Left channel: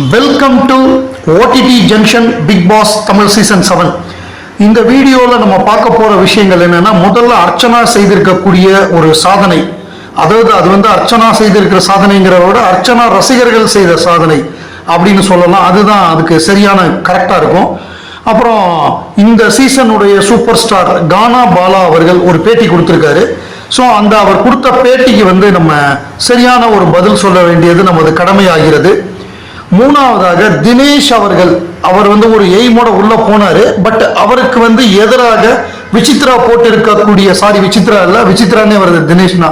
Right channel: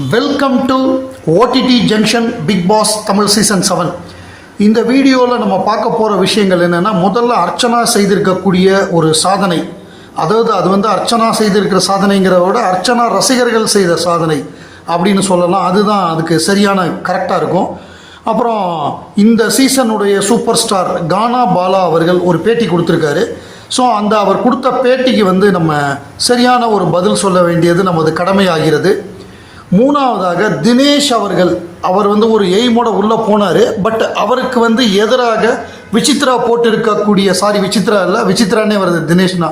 Welcome to OTT junction Bigg Boss Tamil season 7. இந்த வீடியோவில் நம்ம பார்க்க போகிற விஷயங்கள் என்னென்னா, முதல்ல அர்ச்சனா செய்திருக்கக்கூடிய ஒரு சாதனை, அதாவது அது வந்து அர்ச்சனா செய்திருக்கிற சாதனைங்கிறத விட அர்ச்சனா ரசிகர்கள் செய்த சாதனை அப்படின்னு சொல்லலாம். அதுதான் அதுக்கு சரியான கரெக்டாக இருக்கும். அப்புறம் இந்த சீசனுடைய சூப்பர் ஸ்டார் கானா பாலா அவர்கள் ஒரு பேட்டி கொடுத்துருக்காரு. ஸோ அந்த அவர் கொடுத்த பேட்டிக்கு வந்து நம்ம சரியான ஒரு பதில் சொல்ல வேண்டியது நமது கடமையாகிறது. மூணாவதாக தினேஷ் அவர் வந்து ஒரு எய்மோட உள்ள போனாரு. பட் அவருக்கு வந்து எதிராக விசித்ரா போட்டிருக்கக்கூடிய, விசித்ரா இல்ல, விசித்ரானே வருது, தினேஷ்னா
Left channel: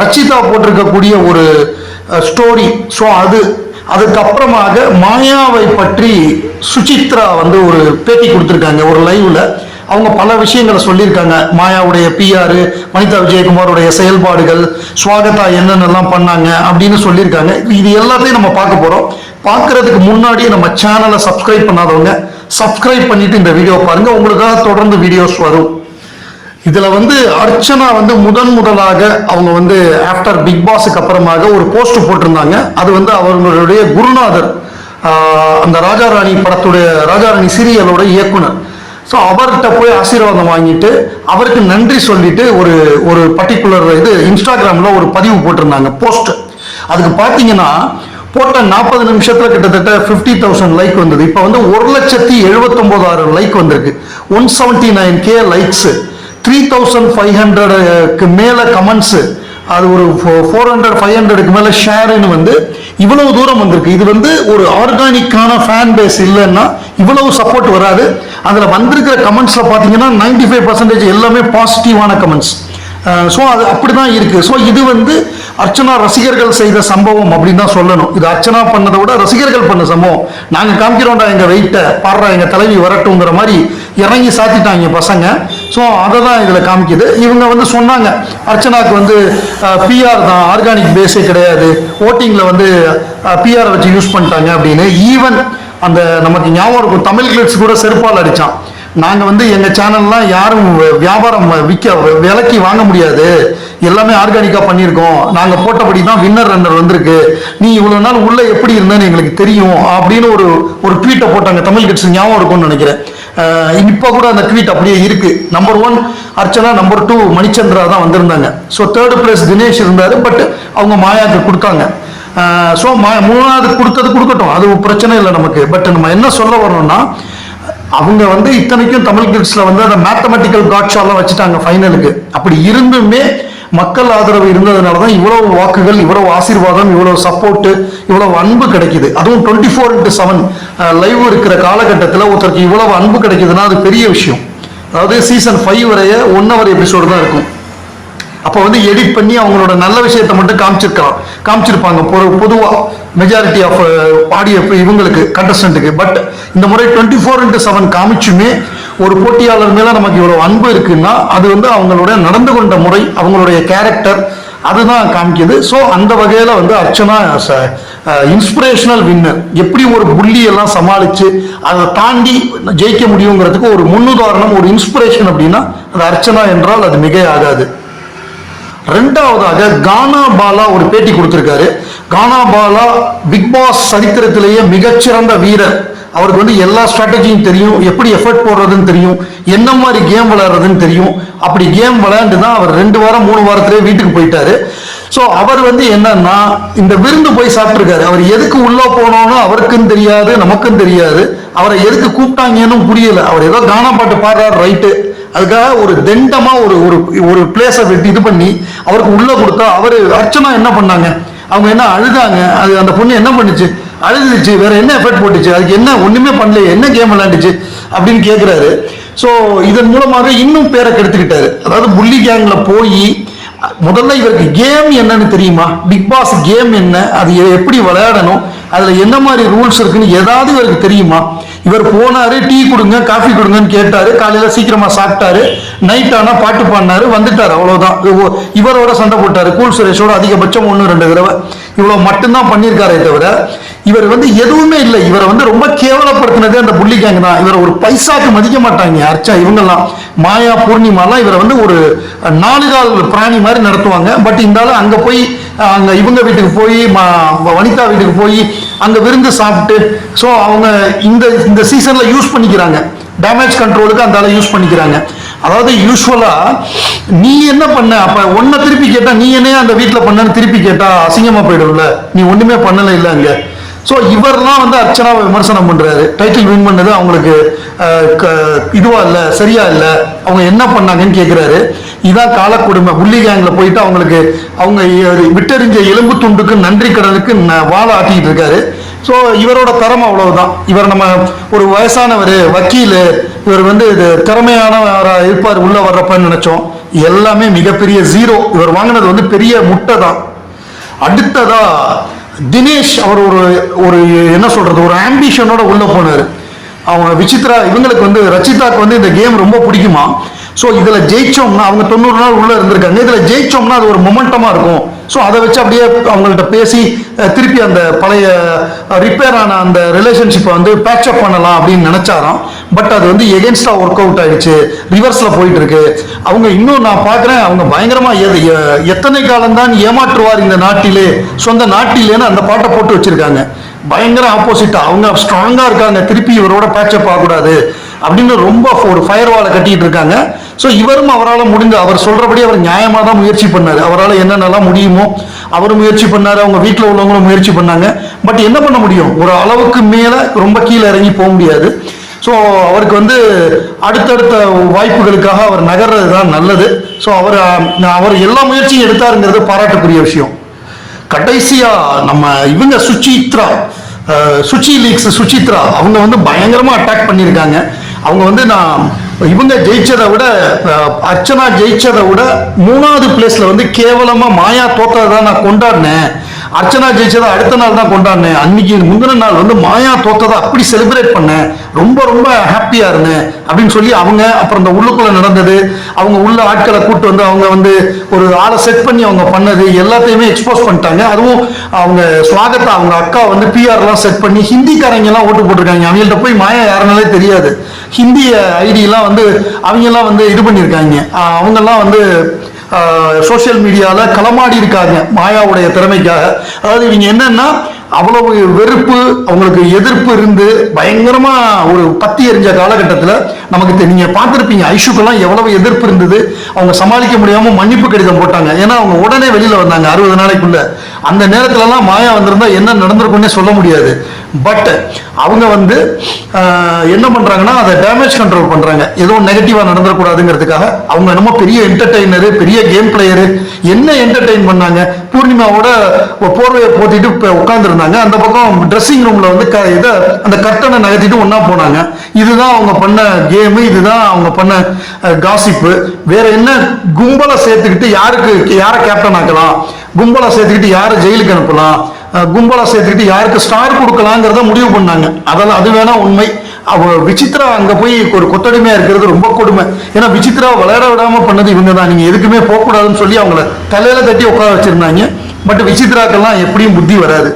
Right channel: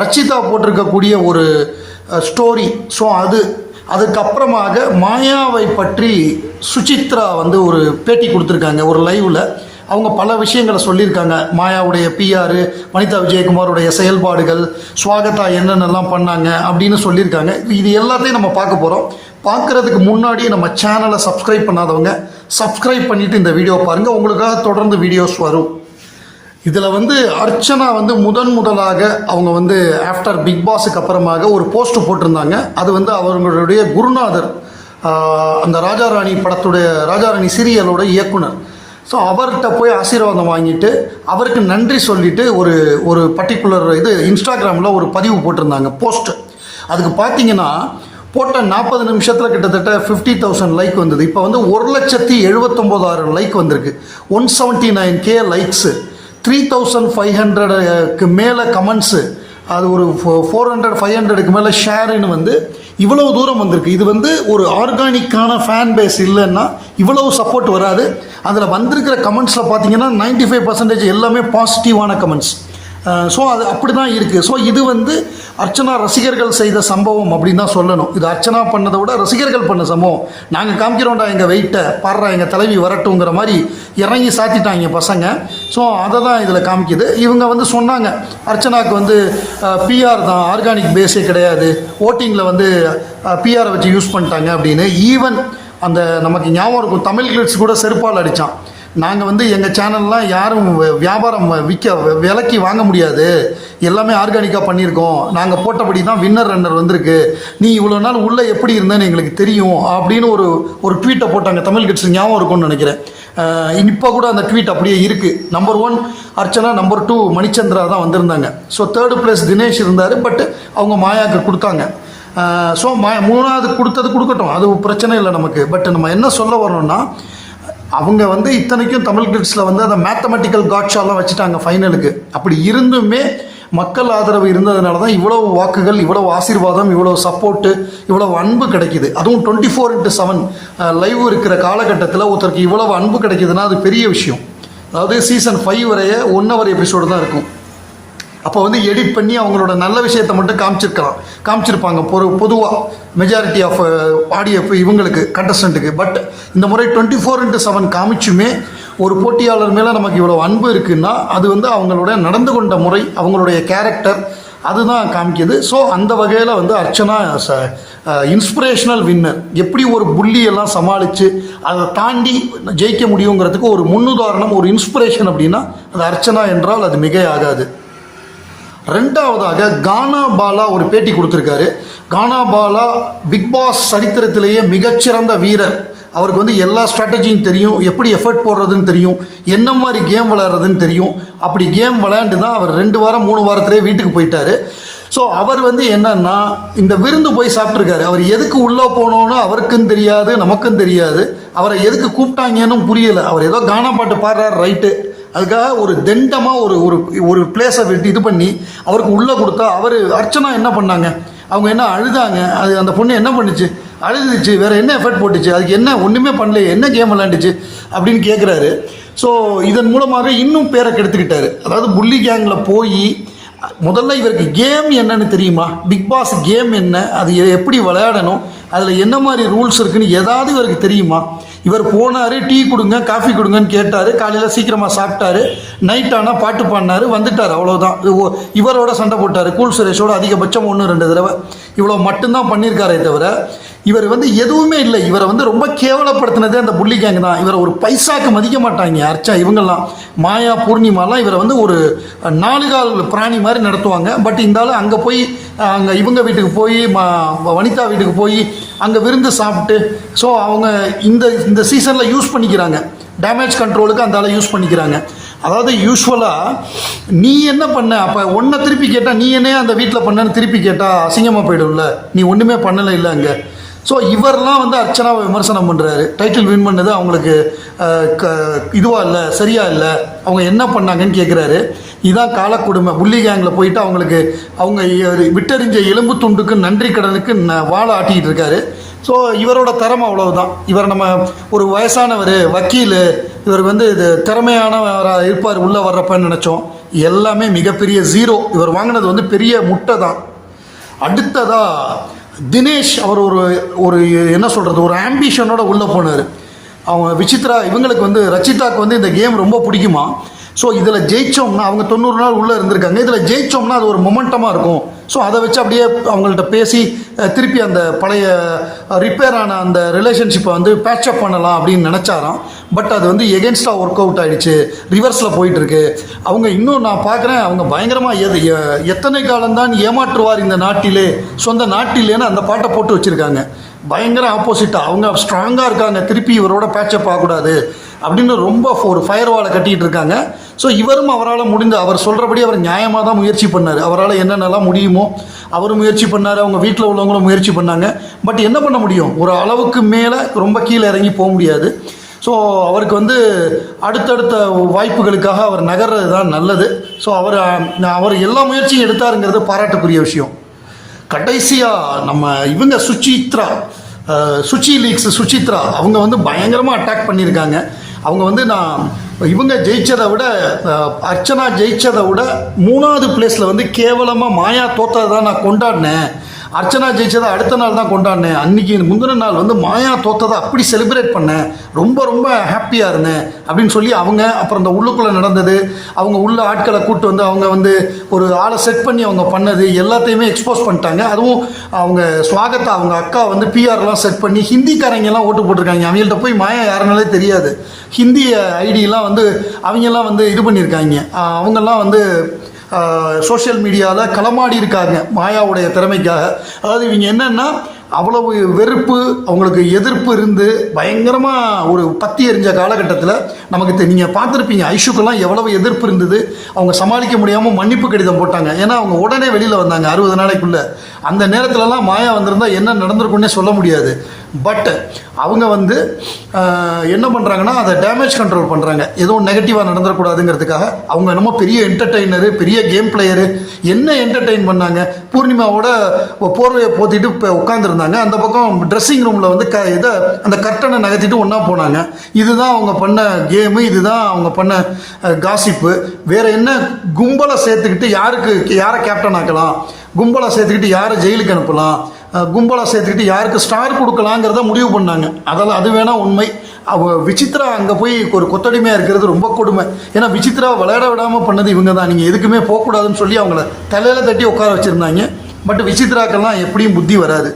ரச்சிதா போட்டிருக்கக்கூடிய ஒரு ஸ்டோரி. ஸோ அதுக்கப்புறமாக மாயாவை பற்றி சுசித்ரா வந்து ஒரு பேட்டி கொடுத்துருக்காங்க ஒரு லைவ்ல. அவங்க பல விஷயங்களை சொல்லியிருக்காங்க. மாயாவுடைய பிஆர், வனிதா விஜயகுமாரோடைய செயல்பாடுகள், ஸ்வாகதா என்னென்னலாம் பண்ணாங்க அப்படின்னு சொல்லியிருக்காங்க. இது எல்லாத்தையும் நம்ம பார்க்க போறோம். பார்க்கறதுக்கு முன்னாடியே நம்ம சேனலை சப்ஸ்கிரைப் பண்ணாதவங்க சப்ஸ்கிரைப் பண்ணிட்டு இந்த வீடியோ பாருங்க, உங்களுக்காக தொடர்ந்து வீடியோஸ் வரும். இதுல வந்து அர்ச்சனா வந்து முதலாக அவங்க வந்து ஆஃப்டர் பிக் பாஸுக்கு அப்புறமாக ஒரு போஸ்ட் போட்டிருந்தாங்க. அது வந்து அவர்களுடைய குருநாதர், அந்த ராஜாராணி படத்துடைய, ராஜாராணி சீரியலோட இயக்குனர். ஸோ அவர்கிட்ட போய் ஆசீர்வாதம் வாங்கிட்டு அவருக்கு நன்றி சொல்லிட்டு ஒரு பர்டிகுலர் இன்ஸ்டாகிராம்ல ஒரு பதிவு போட்டிருந்தாங்க, போஸ்ட். அதுக்கு பார்த்தீங்கன்னா போட்ட 40 நிமிஷத்துல கிட்டத்தட்ட 50,000 லைக் வந்தது. இப்போ வந்து 1,79,000 லைக் வந்திருக்கு. 179K லைக்ஸ், 3,500க்கு மேல கமெண்ட்ஸ், அது ஒரு 400-500க்கு மேல ஷேர்னு வந்து இவ்வளவு தூரம் வந்திருக்கு. இது வந்து ஒரு ஆர்கானிக்கான ஃபேன் பேஸ் இல்லைன்னா இவ்வளவு சப்போர்ட் வராது. அதில் வந்திருக்கிற கமெண்ட்ஸ்ல பார்த்தீங்கன்னா 95% எல்லாமே பாசிட்டிவான கமெண்ட்ஸ். ஸோ அது அப்படிதான் இருக்கு. ஸோ இது வந்து அர்ச்சனா ரசிகர்கள் செய்த சம்பவம் அப்படின்னு தான் சொல்லணும். இது அர்ச்சனா பண்ணதை விட ரசிகர்கள் பண்ண சம்பவம். நாங்கள் காமிக்கிறோம்டா எங்க வெயிட்ட பாடுறா, எங்க தலைவி வரட்டுங்கிற மாதிரி இறங்கி சாத்திட்டாங்க பசங்க. ஸோ அதை தான் இதில் காமிக்குது. இவங்க வந்து சொன்னாங்க, அர்ச்சனாவுக்கு வந்து பிஆர் தான், ஆர்கானிக் பேஸே கிடையாது, ஓட்டிங்கில் வந்து பிஆர் வச்சு யூஸ் பண்ணிட்டாங்க அப்படின்னு. ஈவன் அந்த நமக்கு ஞாபகம் இருக்கும், தமிழ் கிளிட்ஸ் கூட செருப்பால் அடித்தான். நாங்கள் வந்து எங்கள் சேனல்லாம் யாரும் வியாபாரம் விலைக்கு வாங்க முடியாது, எல்லாமே ஆர்கானிக்காக பண்ணியிருக்கோம், நாங்கள் போட்டபடி தான் வின்னர் ரன்னர் வந்திருக்கு, நீ இவ்வளோ நாள் உள்ளே எப்படி இருந்தேன்னு எங்களுக்கு தெரியும் அப்படின்னு ஒரு ட்வீட்டை போட்டாங்க. தமிழ் கிட்ஸ் ஞாபகம் இருக்கும்னு நினைக்கிறேன். இப்போ கூட அந்த ட்வீட் அப்படியே இருக்கு. நம்பர் 1 அர்ச்சனா, நம்பர் 2 மணிச்சந்திரா தான் வந்திருந்தாங்க. ஸோ 3rd பிளேஸ் தினேஷ் இருந்தார். பட் அவங்க மாயாவுக்கு கொடுத்தாங்க. ஸோ 3வது கொடுக்கட்டும், அது பிரச்சனை இல்லை நமக்கு. பட் நம்ம என்ன சொல்ல வரோம்னா, அவங்க வந்து இத்தனைக்கும் தமிழ் கிட்ஸ்ல வந்து அந்த மேத்தமெட்டிக்கல் காட்ஷாலாம் வச்சுட்டாங்க ஃபைனலுக்கு. அப்படி இருந்துமே மக்கள் ஆதரவு இருந்ததுனால தான் இவ்வளவு வாக்குகள், இவ்வளவு ஆசீர்வாதம், இவ்வளவு சப்போர்ட், இவ்வளவு அன்பு கிடைக்குது. அதுவும் 24/7 லைவ் இருக்கிற காலகட்டத்தில் ஒருத்தருக்கு இவ்வளவு அன்பு கிடைக்குதுன்னா அது பெரிய விஷயம். அதாவது சீசன் 5 வரைய 1 hour எபிசோடு தான் இருக்கும். அப்போ வந்து எடிட் பண்ணி அவங்களோட நல்ல விஷயத்தை மட்டும் காமிச்சிருப்பாங்க பொதுவாக மெஜாரிட்டி ஆஃப் ஆடியோ இவங்களுக்கு, கண்டஸ்டன்ட்டுக்கு. பட் இந்த முறை 24/7 காமிச்சுமே ஒரு போட்டியாளர் மேல நமக்கு இவ்வளவு அன்பு இருக்குன்னா அது வந்து அவங்களோட நடந்து கொண்ட முறை, அவங்களுடைய கேரக்டர், அதுதான் காமிக்குது. ஸோ அந்த வகையில வந்து அர்ச்சனா இன்ஸ்பிரேஷனல் வின்னர். எப்படி ஒரு புள்ளி எல்லாம் சமாளிச்சு அதை தாண்டி ஜெயிக்க முடியுங்கிறதுக்கு ஒரு முன்னுதாரணம், ஒரு இன்ஸ்பிரேஷன் அப்படின்னா அது அர்ச்சனா என்றால் அது மிக ஆகாது. ரெண்டாவதாக கானா பாலா ஒரு பேட்டி கொடுத்திருக்காரு. கானா பாலா பிக் பாஸ் சரித்திரத்திலேயே மிகச்சிறந்த வீரர். அவருக்கு வந்து எல்லா ஸ்ட்ராட்டஜியும் தெரியும், எப்படி எஃபர்ட் போடுறதுன்னு தெரியும், என்ன மாதிரி கேம் விளையாடுறதுன்னு தெரியும். அப்படி கேம் விளையாண்டு தான் அவர் 2 வாரம் 3 வாரத்திலே வீட்டுக்கு போயிட்டாரு. ஸோ அவர் வந்து என்னன்னா, இந்த விருந்து போய் சாப்பிட்டுருக்காரு. அவர் எதுக்கு உள்ள போனோன்னு அவருக்கும் தெரியாது, நமக்கும் தெரியாது. அவரை எதுக்கு கூப்பிட்டாங்கன்னு புரியல. அவர் ஏதோ கானா பாட்டு பாடுறாரு, ரைட்டு, அதுக்காக ஒரு தண்டமா ஒரு பிளேஸை இது பண்ணி அவருக்கு உள்ள கொடுத்தா அவரு அர்ச்சனா என்ன பண்ணாங்க, அவங்க என்ன அழுதாங்க, அது அந்த பொண்ணு என்ன பண்ணுச்சு, அழுதுச்சு, வேற என்ன எஃபர்ட் போட்டுச்சு, அதுக்கு என்ன ஒண்ணுமே பண்ணல, என்ன கேம் விளையாண்டுச்சு அப்படின்னு கேட்கிறாரு. ஸோ இதன் மூலமாக இன்னும் பேரை கெடுத்துக்கிட்டாரு. அதாவது புள்ளி கேங்ல போய் முதல்ல இவருக்கு கேம் என்னன்னு தெரியுமா, பிக் பாஸ் கேம் என்ன, அது எப்படி விளையாடணும், அதுல என்ன மாதிரி ரூல்ஸ் இருக்குன்னு ஏதாவது இவருக்கு தெரியுமா? இவர் போனாரு, டீ கொடுங்க காஃபி கொடுங்கன்னு கேட்டாரு, காலையில சீக்கிரமா சாப்பிட்டாரு, நைட் ஆனா பாட்டு பாடினாரு, வந்துட்டாரு, அவ்வளவுதான். இவரோட சண்டை போட்டாரு, கூல் சுரேஷோட அதிகபட்சம் 1-2 தடவை, இவ்வளவு மட்டும்தான் பண்ணியிருக்காரே தவிர இவர் வந்து எதுவுமே இல்லை. இவரை வந்து ரொம்ப கேவலப்படுத்தினதே அந்த புள்ளி கேங் தான். இவரை ஒரு பைசாக்கு மதிக்க மாட்டாங்க அர்ச்சனா இவங்கெல்லாம். மாயா பூர்ணிமாலாம் இவரை வந்து ஒரு 4 கால் பிராணி மாதிரி நடத்துவாங்க. பட் இருந்தாலும் அங்க போய் அங்க இவங்க வீட்டுக்கு போய் வனிதா வீட்டுக்கு போய் அங்க விருந்து சாப்பிட்டு ஸோ அவங்க இந்த சீசன்ல யூஸ் பண்ணிக்கிறாங்க. டேமேஜ் கண்ட்ரோலுக்கு அந்த யூஸ் பண்ணிக்கிறாங்க. அதாவது யூஸ்வலா நீ என்ன பண்ண, அப்ப ஒன்ன திருப்பி கேட்டா நீ என்னையா அந்த வீட்டில் பண்ணன்னு திருப்பி கேட்டா அசிங்கமா போயிடும்ல. நீ ஒண்ணுமே பண்ணல இல்ல அங்க. ஸோ இவர்லாம் வந்து அர்ச்சனாவை விமர்சனம் பண்றாரு. டைட்டில் வின் பண்ணது அவங்களுக்கு இதுவா இல்லை, சரியா இல்லை, அவங்க என்ன பண்ணாங்கன்னு கேட்கிறாரு. இதான் காலக்கொடுமை. புள்ளி கேங்ல போயிட்டு அவங்களுக்கு அவங்க விட்டெறிஞ்ச எலும்பு துண்டுக்கு நன்றி கடனுக்கு வாழை ஆட்டிக்கிட்டு இருக்காரு. ஸோ இவரோட தரம் அவ்வளவுதான். இவர் நம்ம ஒரு வயசானவர் வக்கீல், இவர் வந்து இது திறமையானவராக இருப்பார் உள்ள வர்றப்பன்னு நினைச்சோம். எல்லாமே மிகப்பெரிய ஜீரோ. இவர் வாங்கினது வந்து பெரிய முட்டை தான். அடுத்ததா தினேஷ் அவர் ஒரு என்ன சொல்றது, ஒரு ஆம்பிஷனோட உள்ள போனார். அவங்க விசித்ரா இவங்களுக்கு வந்து ரச்சிதாக்கு வந்து இந்த கேம் ரொம்ப பிடிக்குமா. ஸோ இதில் ஜெயிச்சோம்னா அவங்க 90 நாள் உள்ள இருந்திருக்காங்க. இதில் ஜெயிச்சோம்னா அது ஒரு மொமெண்டமா இருக்கும். ஸோ அதை வச்சு அப்படியே அவங்கள்ட்ட பேசி திருப்பி அந்த பழைய ரிப்பேர் ஆன அந்த ரிலேஷன்ஷிப்பை வந்து பேட்சப் பண்ணலாம் அப்படின்னு நினைச்சாராம். பட் அது வந்து எகென்ஸ்டா ஒர்க் அவுட் ஆயிடுச்சு, ரிவர்ஸ்ல போயிட்டு இருக்கு. அவங்க இன்னும் நான் பார்க்குறேன் அவங்க பயங்கரமா எத்தனை காலம்தான் ஏமாற்றுவார் இந்த நாட்டிலே, சொந்த நாட்டிலேன்னு அந்த பாட்டை போட்டு வச்சிருக்காங்க. பயங்கர ஆப்போசிட்டா அவங்க ஸ்ட்ராங்கா இருக்காங்க. திருப்பி இவரோட பேட்சப் ஆகக்கூடாது அப்படின்னு ரொம்ப ஒரு ஃபயர் வாலை கட்டிட்டு இருக்காங்க. ஸோ இவரும் அவரால் முடிந்த அவர் சொல்றபடி அவர் நியாயமாக தான் முயற்சி பண்ணாரு. அவரால் என்னென்னலாம் முடியுமோ அவரும் முயற்சி பண்ணாரு, அவங்க வீட்டில் உள்ளவங்களும் முயற்சி பண்ணாங்க. பட் என்ன பண்ண முடியும், ஒரு அளவுக்கு மேலே ரொம்ப கீழே இறங்கி போக முடியாது. ஸோ அவருக்கு வந்து அடுத்தடுத்த வாய்ப்புகளுக்காக அவர் நகர்றது தான் நல்லது. ஸோ அவர் எல்லா முயற்சியும் எடுத்தாருங்கிறது பாராட்டக்கூடிய விஷயம். கடைசியா நம்ம இவங்க சுசித்ரா அவங்க வந்து பயங்கரமா அட்டாக் பண்ணியிருக்காங்க. அவங்க வந்து நான் இவங்க ஜெயிச்சதை விட அர்ச்சனா ஜெயிச்சதை விட 3வது பிளேஸ்ல வந்து கேவலமா மாயா தோத்ததை தான் நான் கொண்டாடினேன். அர்ச்சனா ஜெயிச்சதை அடுத்த நாள் தான் கொண்டாடினேன். அன்னைக்கு முந்தின நாள் வந்து மாயா தோத்ததை அப்படி செலிப்ரேட் பண்ணேன், ரொம்ப ரொம்ப ஹாப்பியா இருந்தேன் அப்படின்னு சொல்லி அவங்க அப்புறம் இந்த உள்ளுக்குள்ள நடந்தது, அவங்க உள்ள ஆட்களை கூட்டு வந்து அவங்க வந்து ஒரு ஆளை செட் பண்ணி அவங்க பண்ணது எல்லாத்தையுமே எக்ஸ்போஸ் பண்ணிட்டாங்க. அதுவும் அவங்க ஸ்வாகத்தா அவங்க அக்கா வந்து பிஆர்லாம் செட் பண்ணி ஹிந்திக்காரங்க எல்லாம் ஓட்டு போட்டிருக்காங்க. அவங்கள்ட்ட போய் மாயா யாருனாலே தெரியாது. ஹிந்தி ஐடியெல்லாம் வந்து அவங்கெல்லாம் வந்து இது பண்ணியிருக்காங்க. அவங்கெல்லாம் வந்து சோசியல் மீடியாவில் களமாடி இருக்காங்க மாயாவுடைய திறமைக்காக. அதாவது இவங்க என்னன்னா அவ்வளவு வெறுப்பு அவங்களுக்கு எதிர்ப்பு இருந்து பயங்கரமா ஒரு பத்தி எறிஞ்ச காலகட்டத்தில் நமக்கு நீங்க பார்த்துருப்பீங்க ஐஷுக்கெல்லாம் எவ்வளவு எதிர்ப்பு இருந்தது. அவங்க சமாளிக்க முடியாம மன்னிப்பு கடிதம் போட்டாங்க. ஏன்னா அவங்க உடனே வெளியில வந்தாங்க 60 நாளைக்குள்ள. அந்த நேரத்துலலாம் மாயா வந்திருந்தா என்ன நடந்திருக்குன்னே சொல்ல முடியாது. பட் அவங்க வந்து என்ன பண்றாங்கன்னா அதை டேமேஜ் கண்ட்ரோல் பண்றாங்க. ஏதோ நெகட்டிவா நடந்துடக்கூடாதுங்கிறதுக்காக. அவங்க நம்ம பெரிய என்டர்டெய்னரு, பெரிய கேம் பிளேயரு. என்ன என்டர்டெயின் பண்ணாங்க, பூர்ணிமாவோட போர்வையை போத்திட்டு உட்கார்ந்துருந்தாங்க. அந்த பக்கம் ட்ரெஸ்ஸிங் ரூம்ல வந்து அந்த கர்ட்டனை நகர்த்திட்டு ஒன்னா போனாங்க. இதுதான் அவங்க பண்ண கேமு, இதுதான் அவங்க பண்ண காசிப்பு. வேற என்ன கும்பலை சேர்த்துக்கிட்டு யாரை கேப்டன் ஆக்கலாம், கும்பலை சேர்த்துக்கிட்டு யாரை ஜெயிலுக்கு அனுப்பலாம், கும்பலா சேர்த்துக்கிட்டு யாருக்கு ஸ்டார் கொடுக்கலாங்கிறத முடிவு பண்ணாங்க. அதெல்லாம் அது வேணா உண்மை. விசித்ரா அங்க போய் ஒரு கொத்தடிமையா இருக்கிறது ரொம்ப கொடுமை. ஏன்னா விசித்ரா விளையாட விடாம பண்ணது இவங்க தான். நீங்க எதுக்குமே போகக்கூடாதுன்னு சொல்லி அவங்கள தலையில தட்டி உட்கார வச்சிருந்தாங்க. பட் விசித்ராக்கெல்லாம் எப்படியும் புத்தி வராது.